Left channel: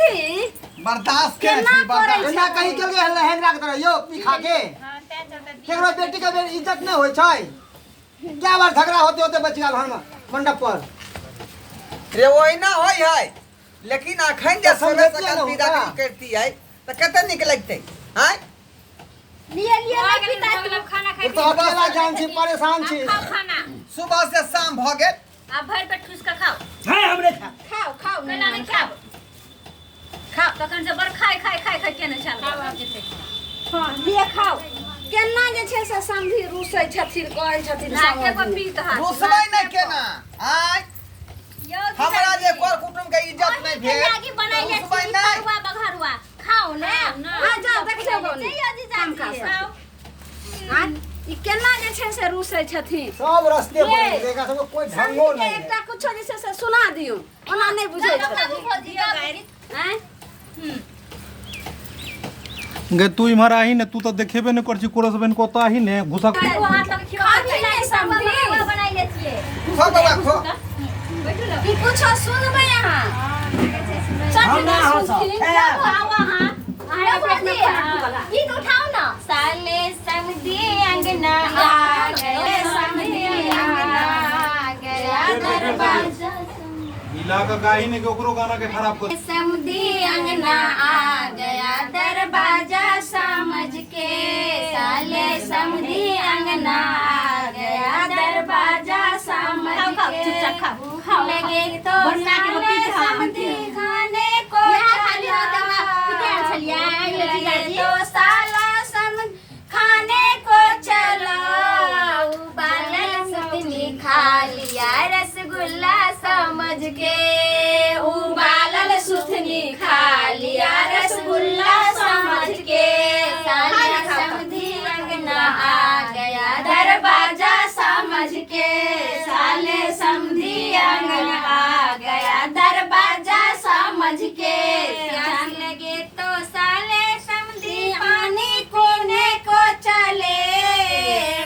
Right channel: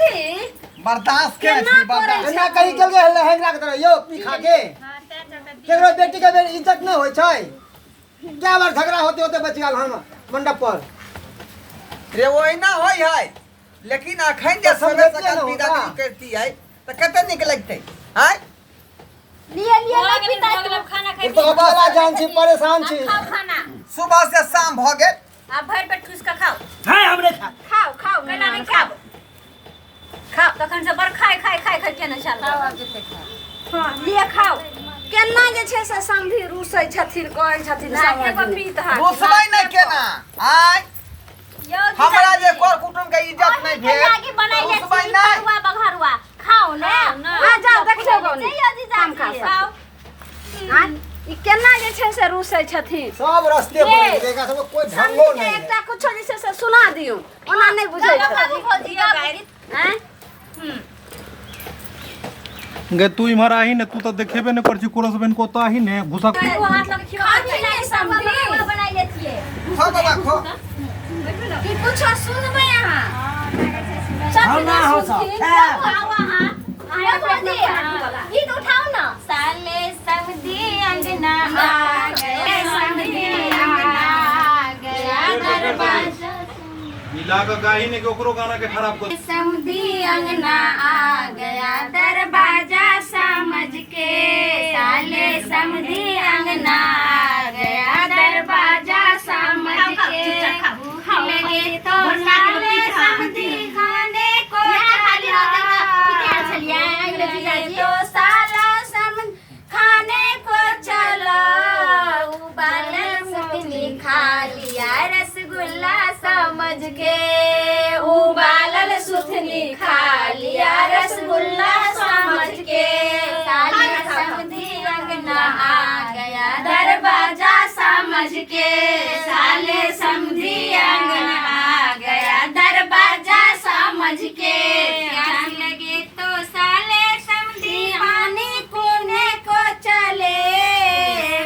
समझी बर्दाश्त के बर्दाश्त ना कहीं चल गए लहंगा के तरह यो पी खा के केकरो बेटी के इज्जत न होय छै क्या बार झगड़ा होते होते बच गेल हम मंडप पर रे ओहिना होय है लेकिन अखन जे समय सकल विदाई करती है त कते निक लगतै हैं लिए ना पिता खाना खाई तो अकेला जान छी परेशान छी खाओ खाना सुबह से शाम भ गेल आप भर पेट ठूस का खाओ हां हमरे खा खाओ केना नहीं खाओ खाओ तखन से बर खाए केना चल हां लिए खाओ केना जे छै से समधी रूसै छथिन कहै छथिन नाके पर पीत हाथ रूसबै नै केना आय हमरा जे कर कुटुम के इज्जत नै भेल आगे बनाई ले बघरुआ बघरुआ खाओ ना आ जाओ देखियो काम खाओ हां ई केना जे छै से रूसै छथिन सब रस्ते बोल देगा सब कोई ढंगो नहीं एकटा कुछ जे छै से सुना दियो ओना नहीं बुझै छै हैं गे तू इमहर आही ने तू तो देखेबे न करछि कोरस बहन को तो आही ने घुसा वो हाथ लगे खिवा समझी बनाई लेतिए खो बाबा खो की कुछ सुनबे यहां हम ना हो सब खाओ हां अरे बोलिए ई तो उठाओ ना साले समधी अंगना आ गए समधी अंगना आ गया दरवाजा मिला का गाही ने के ओकरो गाना के खराब कर समधी अंगना आ गया दरवाजा समझ के साले समधी अंगना आ गया दरवाजा समझ के लगे तो साले समधी खाने को तो साला समझ खाने को चलो उबालल सुथनी खा लिया रसगुल्ला समझ के उबालल सुथनी खा लिया रसगुल्ला समझ के साले समधी अंगना आ गया दरवाजा समझ के साले समधी अंगना आ गया दरवाजा समझ के प्यास लगे तो साले समधी आने कोने को चले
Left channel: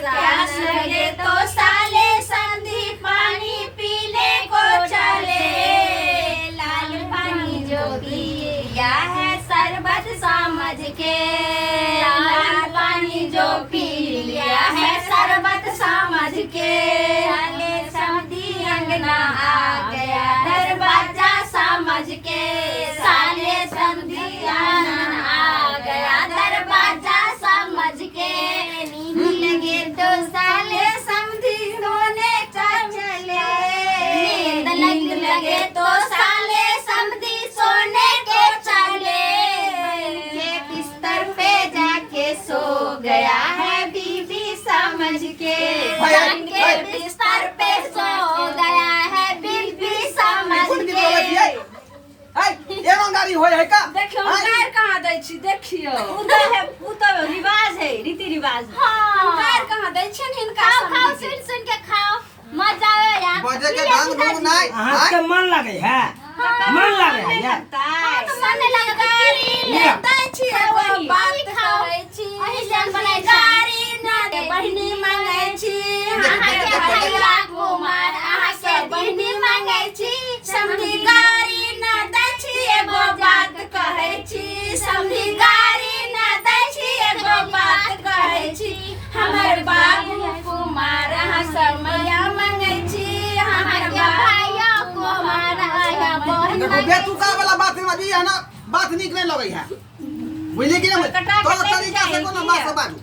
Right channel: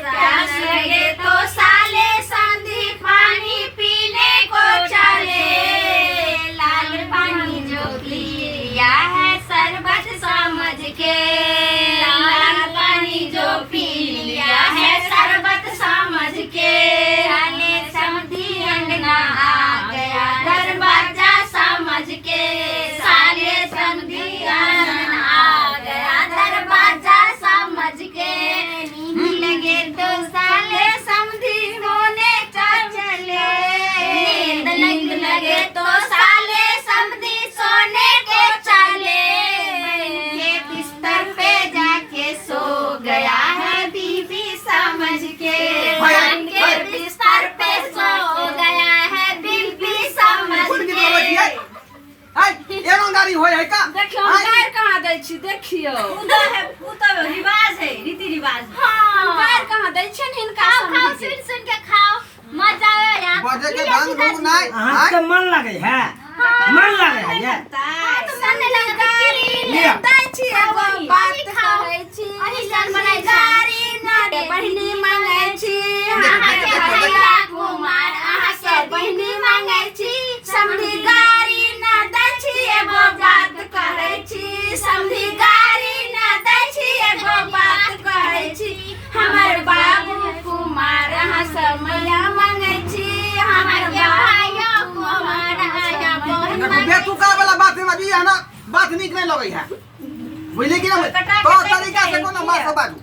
प्यास लगे तो साले समधी पानी पीने को चले लाल पानी जो पिया है शरबत समझ के लाल पानी जो पी लिया है शरबत समझ के साले समधी अंगना आ गया दरवाजा समझ के साले समधी अंगना आ गया दरवाजा समझ के लगे तो साले समधी सोने चले नींद लगे तो साले समधी सोने को चले के बिस्तर पे जाके सो गया है बीबी समझ के बिस्तर पे सो गया है बीबी समझ के हाय ईमानदारी होय है का देखियो पैर कहां दै छी देखियो उ तो रिवाज है रीति रिवाज हां पैर कहां दै छी इनका खाओ सुन के खाओ मजा आया बजे के ढंग ढंग नहीं हां के मन लगे है मन लगे है यार तो मन नहीं लगे दै छी एगो बात कहै छी अहिसन बनाई गाड़ी ना बहिनी मांगै छी अहाँ के भैया कुमार अहाँ के बहिनी मांगै छी समधी गाड़ी ना दै छी एगो बात कहै छी समधी गाड़ी ना दै छी एगो बात कहै छी हमर बाबू कुमार अहाँ सब मैया मांगै छी हमर भैया कुमार आया बहिन बेतुका वाला बात में दी है ना बात निक नहीं लगे है बुझली कि ना तो तरीका से कोनो बात बाजू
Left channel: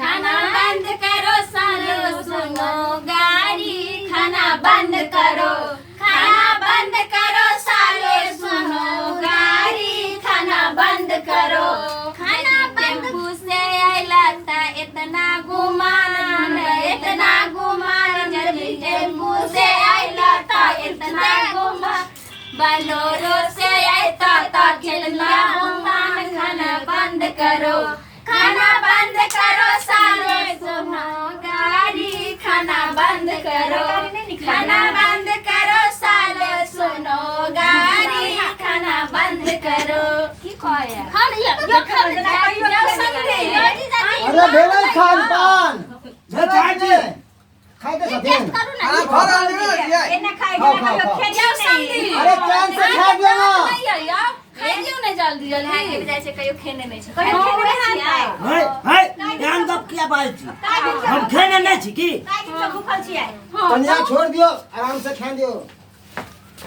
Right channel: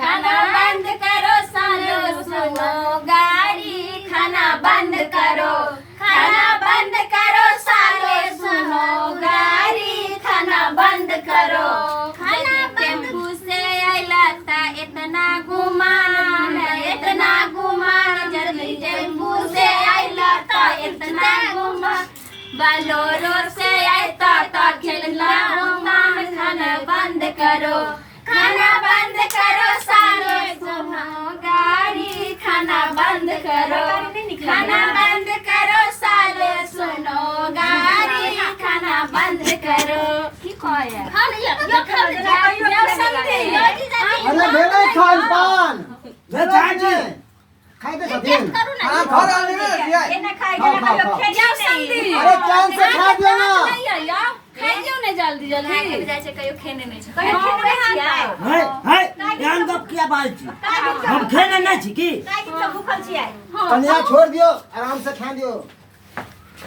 खाना बंद करो सालो सुनो गाड़ी खाना बंद करो सालो सुनो गाड़ी खाना बंद करो खाना टेम्पू से आइला ता इतना गुमान जल्दी टेम्पू से आइला ता इतना गुमान बलोरो से आइता ता खेलना गुमान खाना बंद करो सालो सुनो गाड़ी खाना बंद करो सालो सुनो गाड़ी खाना बंद करो की कहै अरे भेलै खान पान भेलै जी खाइ दे छथिन खाना भर आने दिया अरे चांद से गिरल है के जाय छै कहियो खेने नै छै कहियो खेने छियै है ध्यान गप किया बाजै छी हम खेने नै छी की काई दिन से भूखल छियै कन्या छोड़ दियो आराम से खा दियो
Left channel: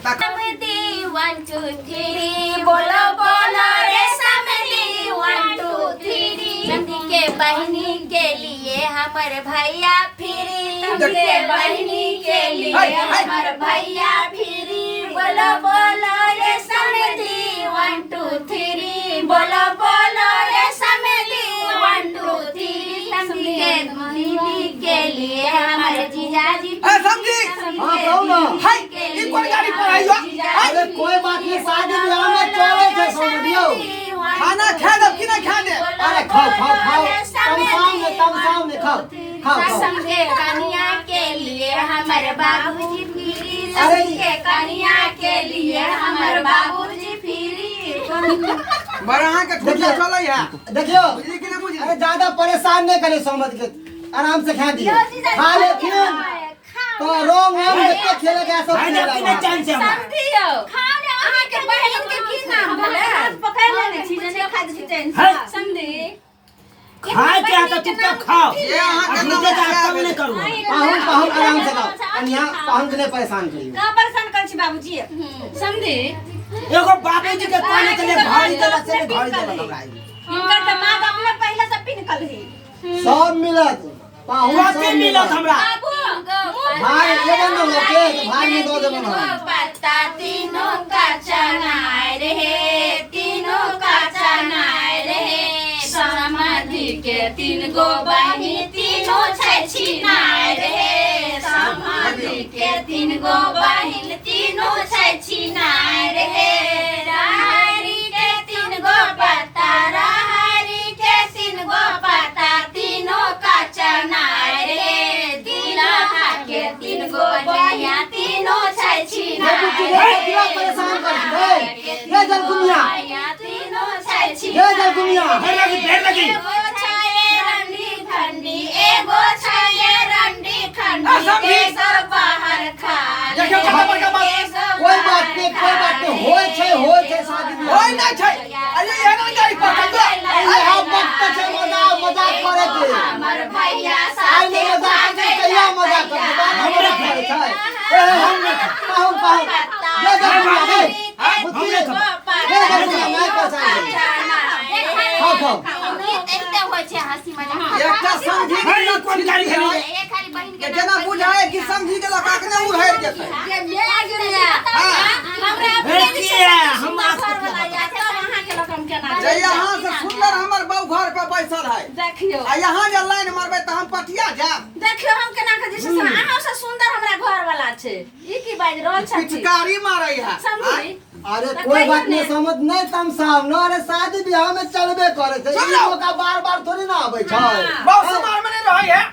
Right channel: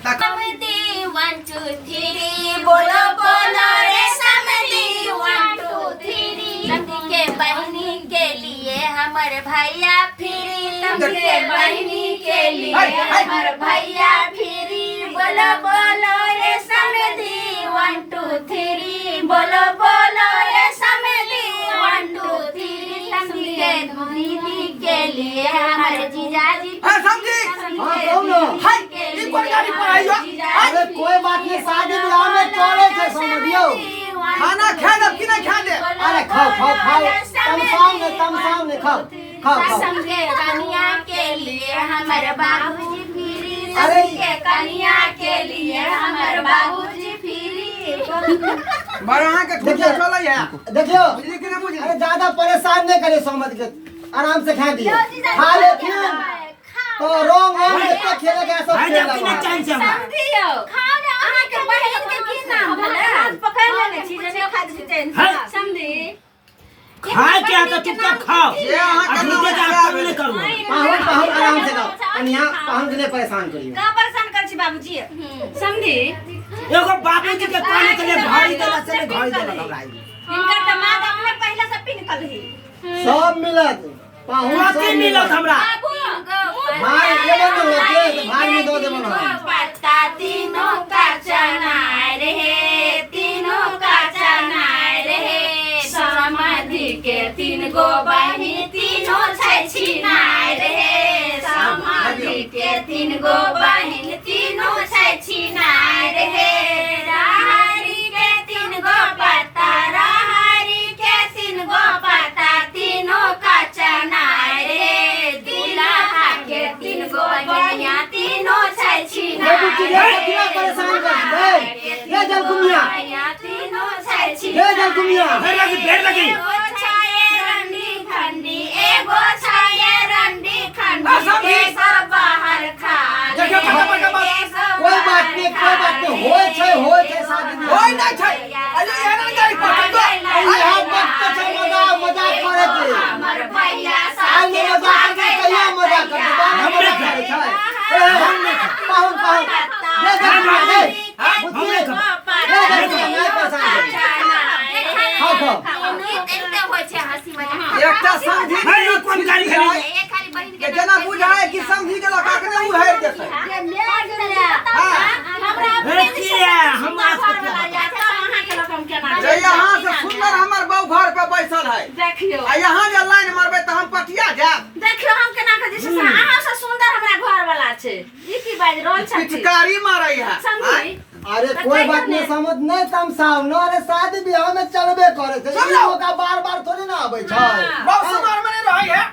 समधी 1 2 3 बोलो बोलो रे समधी 1 2 3 समधी के बहिनी के लिए हमर भैया फिरी समधी के बहिनी के लिए हमर भैया फिरी बोलो बोलो रे समधी 1 2 3 बोलो बोलो रे समधी 1 2 3 समधी के दीदी के लिए हमर जीजाजी समझी हां कौन है ई कोन गाड़ी पर आइयो अरे कोई बात नहीं शादी ब्याह में चले छे समझियो खाना खा दे कि नहीं खा दे अरे खाओ तम सामने खाओ समझे कन्या के लिए हमर बाबूजी फिरी समझे कन्या के लिए हमर बाबूजी फिरी बड़ा के ठोकिया चलै है देखियो बुझली कि नहीं बुझली अरे ज्यादा परेशान नहीं करे समझ के आराम से खा दियो खा ले फिर तो रोंग है तो खेले के सब है जब कि नहीं चांस है हमरा समझियो खाओ रे अहाँ के बहिन के की नाम भेलै हाथ पकड़ लेने छी जे नहीं खाइ छी चैन से समझी खाए के है तो चुपचाप खाओ ये अहाँ के अपने के काम नहीं करू पाहुन आराम से खाओ कन्या पाहुन के नहीं परेशाान करियो का परेशान कर छी बाबूजी समझी एगो बाबूजी के कहने के लिए घड़ी देला से घड़ी देला हमरा इनका त मां बाप ने पहले से पिन कल ही सब मिलत पाहुन सब बाकी मिलत हमरा भाई ये बंद हो के भाई में दो दे बनो पत्ता तीनों का चना रे तीनों का चना रे समधी के 3 गो बहिनी तीनों छै छिनाय रे समधी के 3 गो बहिनी तीनों छै छिनाय रे राहरी के 3 गो पत्ता राहरी के 3 गो पत्ता तीनों का चना रे दूल्हा के 3 गो बहिनिया तीनों छै छिनाय किया परेशान कर दे ये जल कुमिया तीनों छै ये जल कुमिया एगो छाये रंडी खंडी एगो छाये रंडी खंडी केसर बाहर खा देखियो कत बड़का बात कोई बात नहीं होय छै शादी होय नहीं छै अरे ये ना गाड़ी पर दो यहाँ वक्त छै मजाक करे के हमर भैया आई साथे ने मजाक के कहिया मजाक कर हमरा करे छै पाहुन ये जल कुमिया हमरे खाओ एते होय छै हंसी मजाक एकटा समझी है कोन गाड़ी खड़ी एक खाली बहिन के जना बुझाए कि समझी के लका के नहीं उड़ाई देते है किया हम जे यहाँ से सुंदर हमर बहू घर पे बैसल है देखियो आ यहाँ जे लाइन मारबे त हम पटिया जाब देखियो हम केना के जैसे अहाँ से सुंदर हमरा घर वाला छै ई की बाज रहल छै पिचकारी मारै है समझी अरे कोई बात नहीं समझ नहीं तम साहब न अरे शादी ब्याह में चलबे करे छै ई मौका बार थोड़ी ना आबै छै बहुत समार में नहीं रही है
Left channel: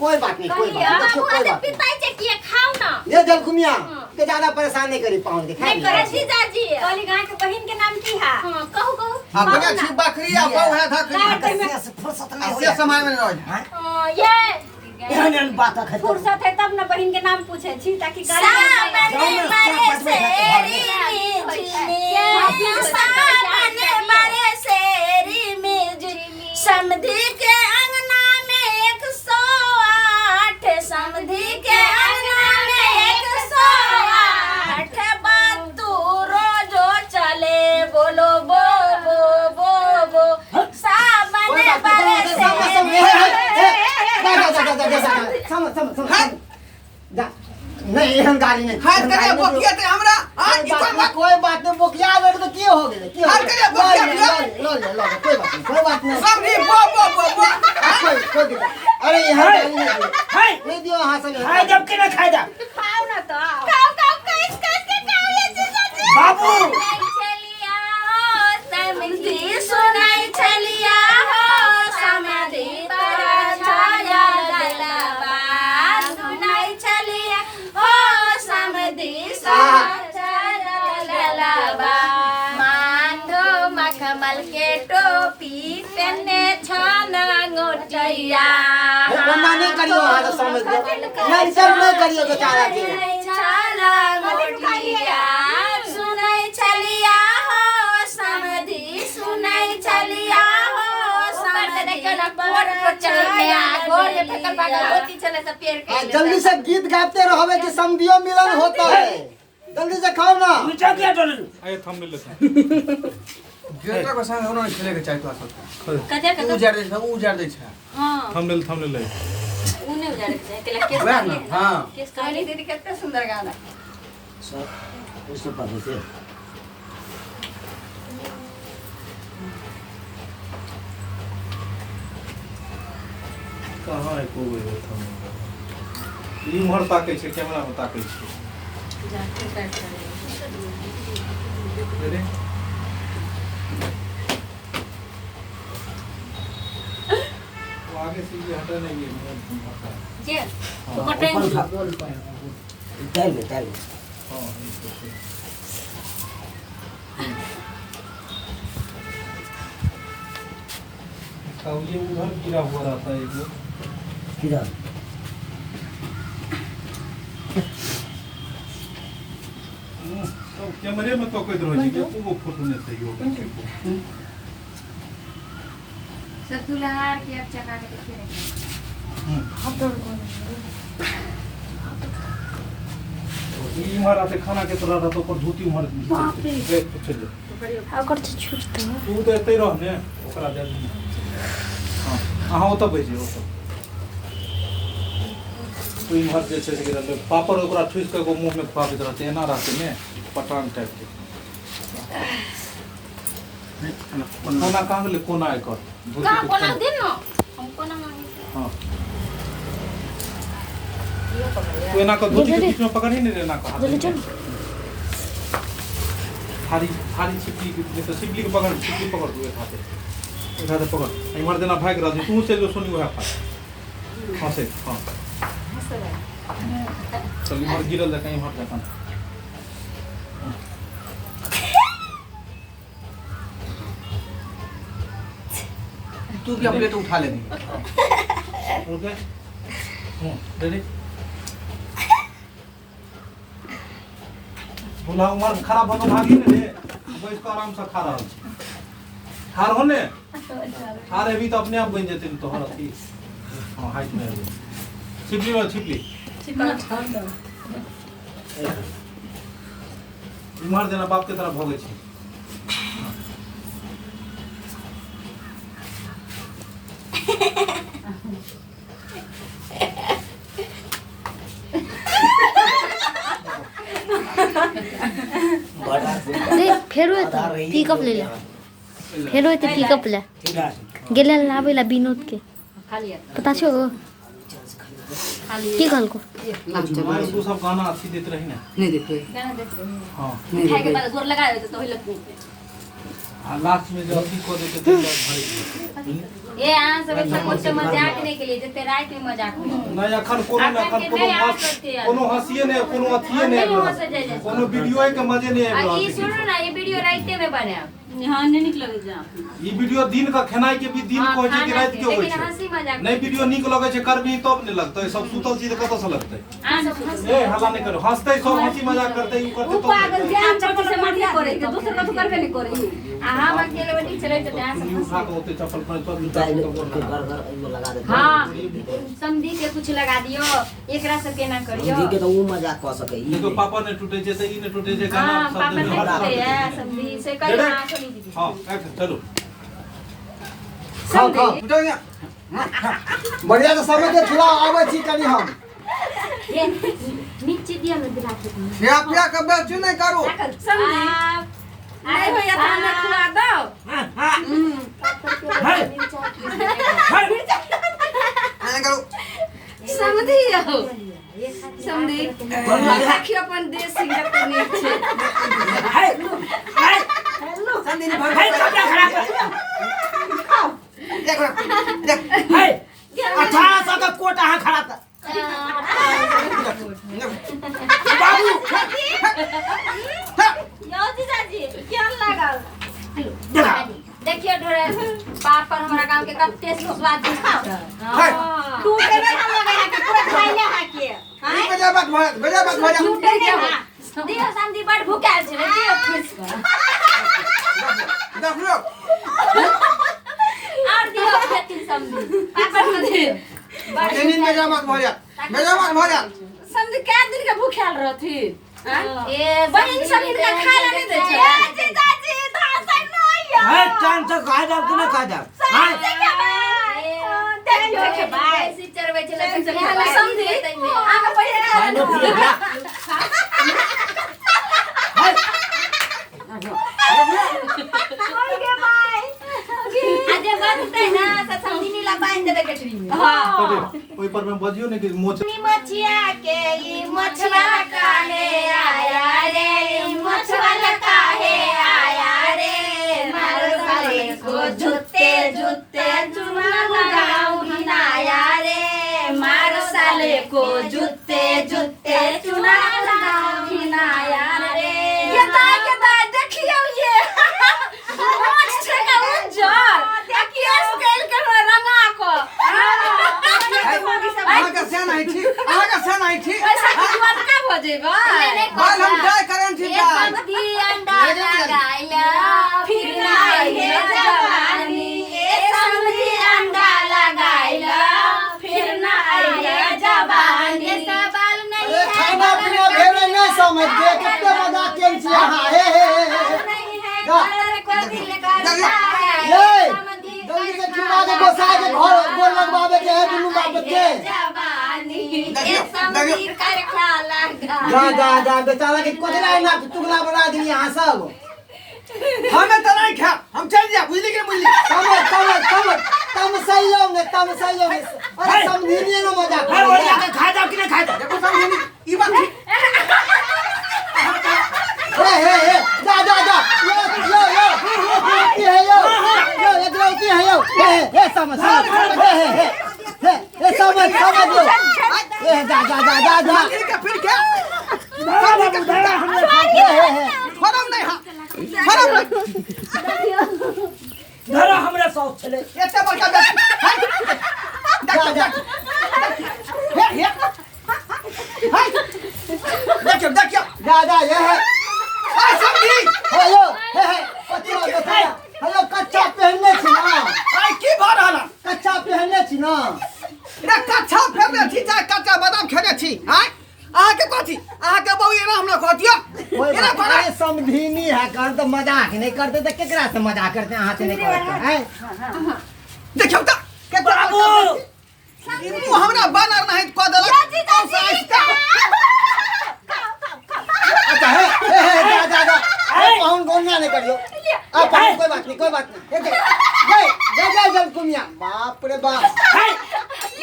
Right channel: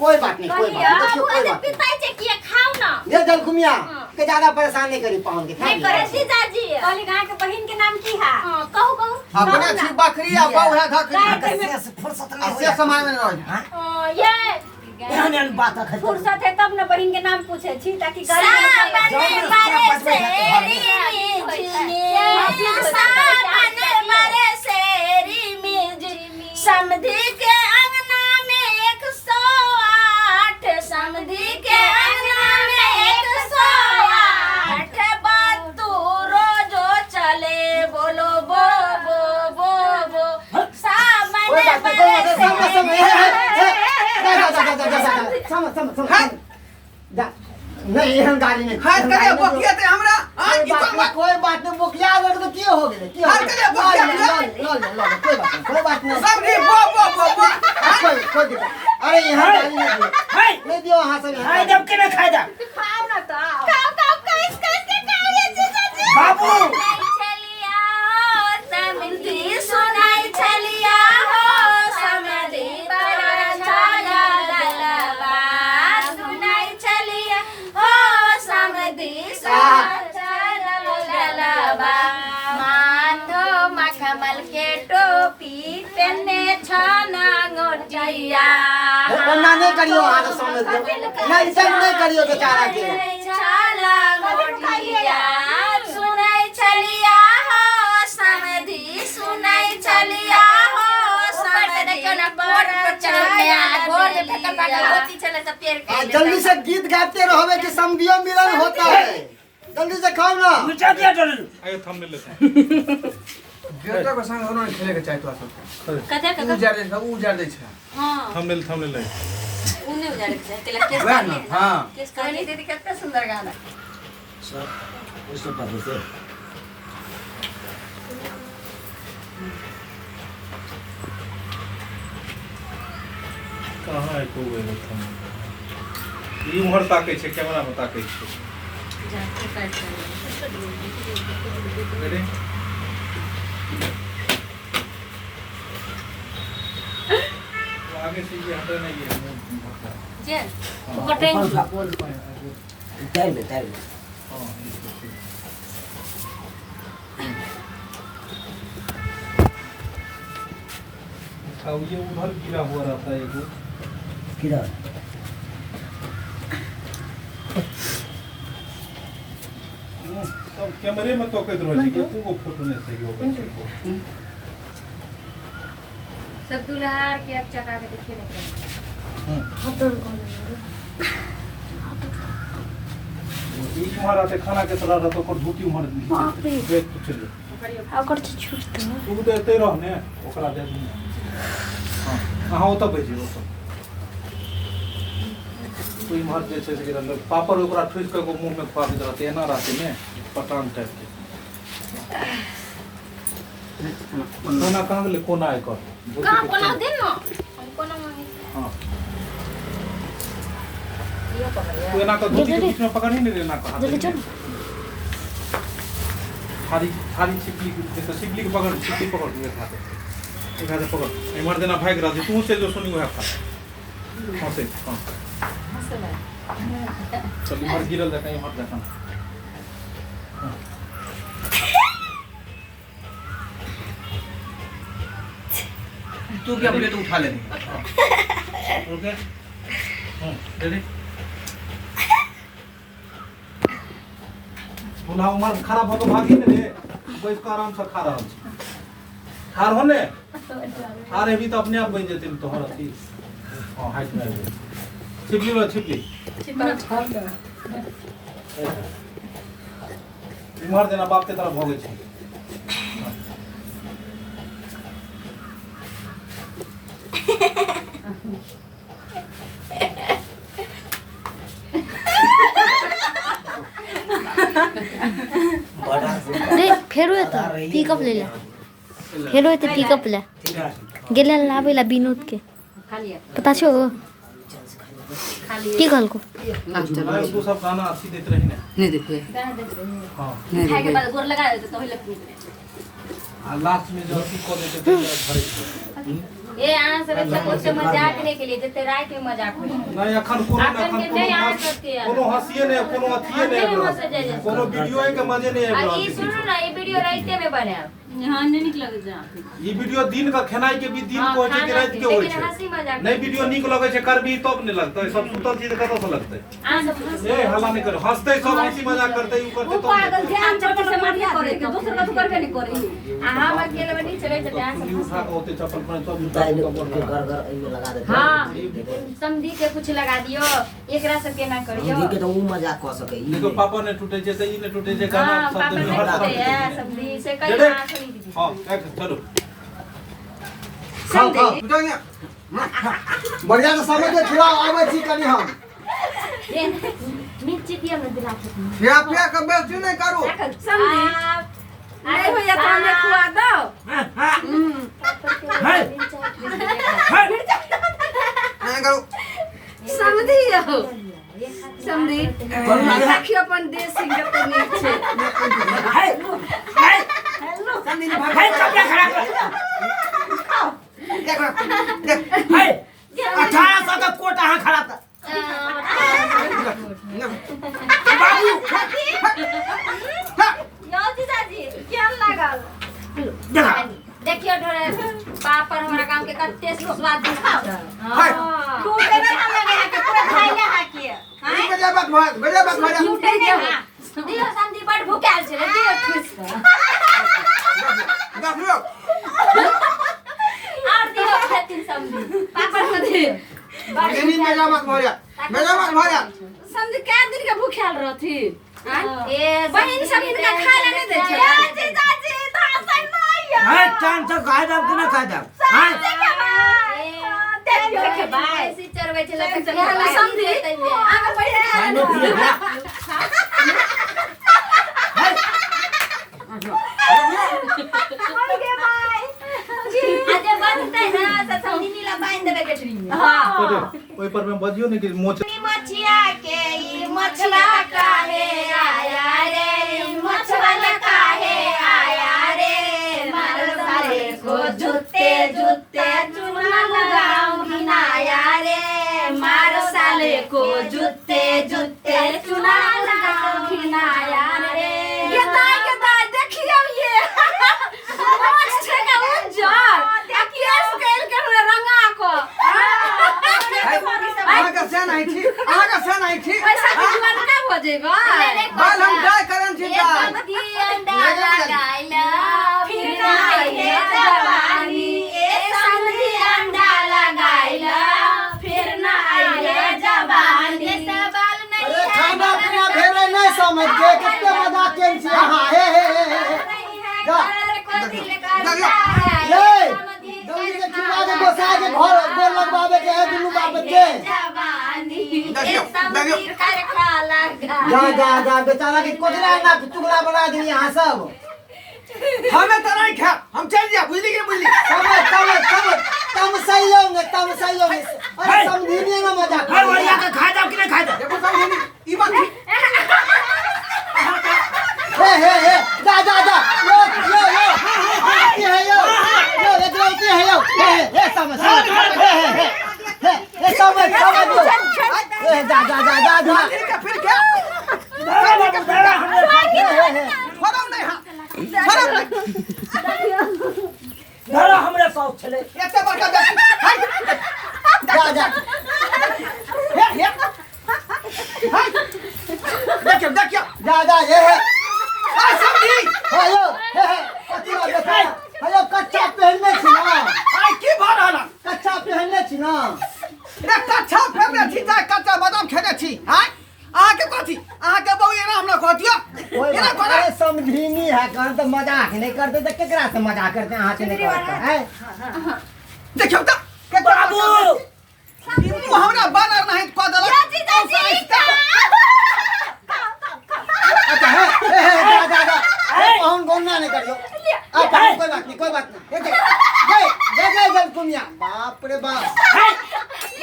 कोई बात नहीं कोई बात पिताई छै कि खाओ ना ये जल कुमिया के ज्यादा परेशान नहीं करी पाहुन के नहीं करे जीजाजी कहली गाय के बहिन के नाम की है कहू अपने छी बकरी आ बहू है धकरी से फुर्सत नहीं ऐसे समय में रह ये एहन बात है फुर्सत है तब न बहिन के नाम पूछे छी ताकि समधी के अंगना में 108 समधी के अंगना में 108 बात तू रोजो चले बोलो बो बो बो बो सामने नहीं हम गाड़ी नहीं हाथ करे बकिया ते हमरा कोई बात नहीं बोकिया लग तो की हो गेले की हाथ करे बकिया लो कोई बात नहीं सब रे बो कोई दिक्कत अरे यहाँ गाड़ी नहीं नहीं दियो वहां से है जब के ना खाए जा खाओ ना तो खाओ कैस के खाओ ये जीजाजी बाबू चलिया हो समधी सुनाई चलिया हो समधी पर छाया ललवा सुनाई चलिया हो समधी ललवा माथो मखमल के टोपी पहने छाना गोटिया ना नहीं करियो वहां तो समझ नहीं सब नहीं करियो बेचारा के छाला गोटिया सुनाई चलिया हो समय घर में फेकल पाकल होती चले सब पेड़ के जल्दी से गीत गाते रहोगे कि समधियो मिलन होता है। जल्दी से खाओ ना। मिर्चा क्या डाल ए थंबनेल ले गेटो के संग होना खेले के चाहिए तो सब कते कते उजाड़ दे सब उजाड़ दे छै हां थंबनेल ले उने उजाड़े छै केला केस वह ना हां केस कहानी दीदी कितना सुंदर गाना सब उसको पकड़ के कहाँ है कोई ई उमहर ताकै छै कैमरा में ताकै छै रेडी आगे से ये हटा नहीं है जे हटेंगे डाल दे हां इसको ये उधर गिरा हुआ रहता है वो किधर अब कैमरे में तो कैद रही कि वो फोटो नहीं सही हो सब दुल्हार के अब चका के देखिए ई मारा ते खाना के तरह रहतो पर धोती उमर देख चल अगर तो छूटता तू तो एते रहने ओकरा दे हां ओ तो भेजे ओ तो कोई मार जे छै से पापड़ ओकरा ठुस के मुंह में खुआ देत रहते एना रहते ने पटान टाइप के कोना कहां ले कोना है कर कहां कोना दे न हम कोना में हां ये पकड़िए तू एना को धोती के बीच में पकड़ ही नहीं लेना को जल्दी चलो खाली खाली छिपली के तो छिपली के पकड़ छिपली पकड़ दिए खाते एक हाथ पकड़ ए मर देना भाग रहा तू चल जो सुनी वह खा हां से हां चल मर गिरल जा कहीं मर जा तू क्या प्लेट उठा ले ओके रेडी बोला उमर खराब हो भागी ने रे बैठ के आराम से खा रहा हार होने हार है भी तो अपने आप बन जेते तो हर अथी हां हाइट में छिपली लो छिपली उमर देना बाप के तरफ भोगे छी देख फेरो एतो पिकअप ले ले फेरो एतो पिकअप ले गेले लाबे ला विनोद के पता छो की कहल को मैं तू सब गाना अच्छी देते रही ना नहीं देखो गाना देख रहे हैं हां खाए के बाद गोर लगाए तो पहले लास्ट में जो अच्छी को देते तो भरे ये आन सब ऐसा कुछ मजाक नहीं के लिए जते रात में मजाक हो नहीं अखन कोनो कोनो हंसिए ने कोनो अथिए ने कोनो वीडियो के मजे नहीं आइब ये सुनो ना ये वीडियो रात में बनाए यहाँ नहीं निक लगे जा ई वीडियो दिन का खेनाई के भी दिन को होय छै रात के होय छै हंसी मजाक नहीं वीडियो निक लगे छै करबी तब नहीं लगतै सब सुतल चीज कत से लगतै आन सब हंसी ए हल्ला नहीं करो हंसते सब हंसी मजाक करते ऊ करते तो पागल जान चप्पल से मार के करे के दूसरे का तो करके नहीं करे हम अकेले बड़ी चले तो डांस उठा के होते चप्पल पर सब घर घर में लगा देते हां समझी के कुछ लगा दियो एकरा सब के ना करियो समझी के तो वो मजाक कर सके देखो पापा ने टूटे जे त ई ने टूटे जे गाना हां शब्द पापा में ने हर कहते तरह हैं समझी से कई डेढ़। ना सुनी दीदी हां एक चलो खाओ खाओ उठा गया बढ़िया से समय के खिलाओ आवे छी कनी हम ये नीचे दिया मैं बिला के क्या पिया के बेच नहीं करू समझी नहीं हो या तो हमें खुआ दो नहीं करू समझी हो समझी राखी अपन देश सिंह के नीचे हेलो संदीप भाई कपड़ा खराब देख देख है 1800 का कोट हां खड़ा था बाबू यो जीजाजी क्या लागल देखा देखियो डोरे पापड़ हमारा गांव के कत्ते स्वाद दिखाओ हाय टूटे में हम लगे हैं कि पूरा खाइले हाकिए गजा बात भजा टूटे के दियो समझी बड़ भूखाल छे दियो खुश देख लो और दियो खेती समझी पापड़ में दियो नींद में जामत भैया समझ क्या दिन के भूखेल रहथी बहन सब इनका खाए ला नहीं दे छै जीजाजी धासन नहीं है चांद से खा जाओ कि नहीं खा जाओ हां देखे भाई सी चरवे चला समझी आगे पहिले खानो पिए बा है के भाई आज बनते ना त समझी नीला बांध देबे के ट्री हां ओई पर में बजियो ने कि मोच मछिया के ई मछिया काहे आया रे मछवाला काहे आया रे मार सारे को जूते जूते चुना लगाओ हिनाया रे मार साले को जूते जूते चुना लगाओ हिनाया रे ये दाई देखियो ये मोछ छै का उज्जर आ केस कैल के रंगा को आगे से नहीं थी पैसा के जुआन का हो जेबा बाल हम जाय करन थी जाय दी अंडा लगाइला फिर नाई है जवानी ए समझी अंडा लगाइला फिर नाई है जवानी सवाल नहीं है खाना पीना भेला नहीं समझ के कितने मजाक केन छी हां हे जल्दी से खिला के गोसा के घर गोल लगवावे के है दुनु बाप के जवानी ए समझी कर खा लगा जा बेचारा के कोजला ना टुकड़ा बना दी यहां सब हमें तो नहीं खा हम चल जा बुझली के बुझली तम सही होंगे अरे समझी नहीं ना मजाक है बढ़िया के खा जाओ कि नहीं खा जाओ देखो समझी ई बात थी हे जा यो एक रोटी है यो हे समझ हे समझ दो हे जा के फिर क्या फरम नहीं हां फरम नहीं धरा हमरे शौक छले एते बड़का देखियो जा ये है आ समझी हेलो कच्चा पहनने छी ना आई की भर रहला कच्चा पहनने छी ना रे कच्चा फेरने छी चाहे कच्चा बादाम खेने छी हां आहा के कथी आहा के बहु एना हमरा कहतियो एना करे समझीनी है कहन तो मजाक नहीं करते तो केकरा से मजाक करते अहाँ से नहीं करते हैं देखियो त के बाबू ई मुंह हमरा बानर नहीं क देलक अच्छा है जा हम गोनिया नहीं करियो आप कोई बात नहीं जा कुमिया बाप रे बाप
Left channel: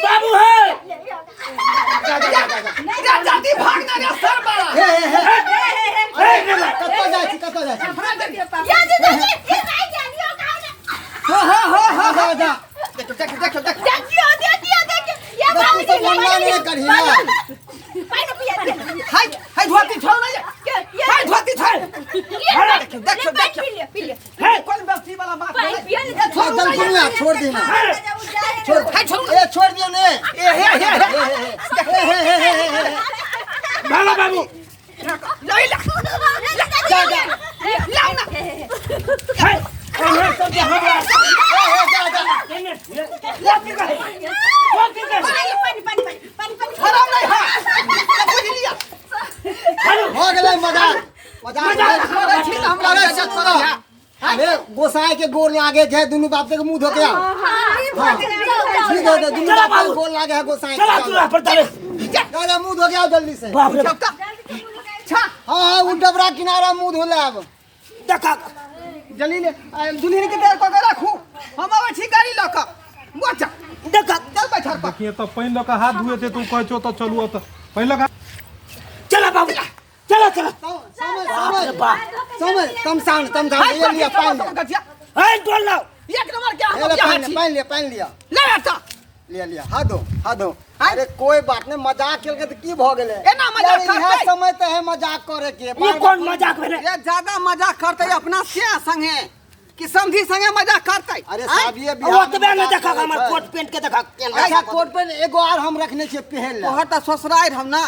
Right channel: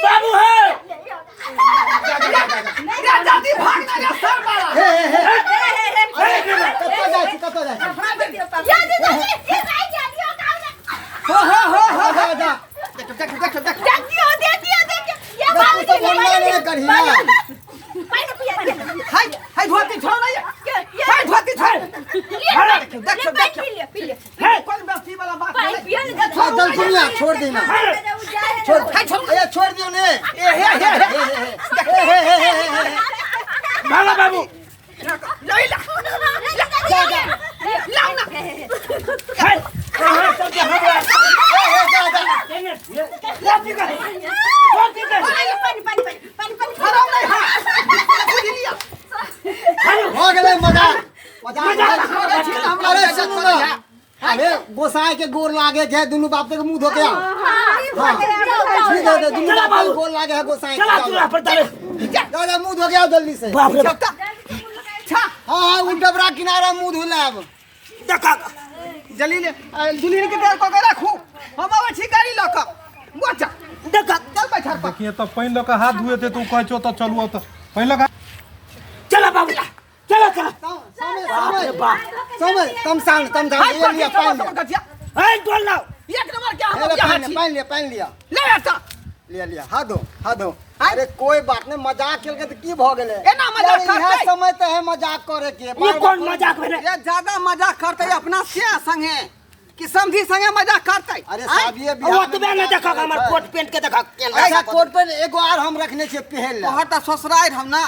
बाबू है जा जल्दी भाग ना रे सर मारा कतो जाय छी या जी फिर आई जानियो हो जा देखियो या बात तो बोलना नहीं करही ना पानी पिया हाय धोती छोड़ नहीं हाय धोती छोड़ देखियो पी ले है कौन व्यक्ति वाला बात पानी पिया ले जल कुमिया छोड़ देना छोड़ दियो ने बाबा बाबू नहीं ला जा लाओ ना है सब जा फरम नहीं हां लिया हो गेलै मजाक अरे सुनो ना अरे गोसाई के गोर लागे है दुनु बाप के मुंह धो के आओ ठीक है दुनु बाप के गोर लागे है गोसाई चला चला पर तारे दादा मुंह धो के आओ जल्दी से बाप रे हां उन डबरा किनारा मुंह धोला अब देखा जल्दी ले दुल्हन के पैर पकड़ रखू हम आवे छी गाड़ी लक गोचा देखा चल बैठर पर देखिए तो पहले का हाथ धुए थे तू कहचो तो चलू तो पहले का चला बाबू चला समय तम ये लिया पानी है तोड़ लाओ एक नंबर क्या ले पानी लिया ले आता लिया हाथ दो अरे कोई बात नहीं मजाक खेल के तो की भ गेले एना मजाक यार, करते इहे समय तो है मजाक करे के ये कौन मजाक भेले ये ज्यादा मजाक करते अपना से संगे कि समझी संगे मजाक करते अरे साहब ये वो तो मैंने देखा हमारा कोट पेंट के देखा ऐसा कोट पे एगो आर हम रखने छे पहन ले तोहर त ससुराल हम ना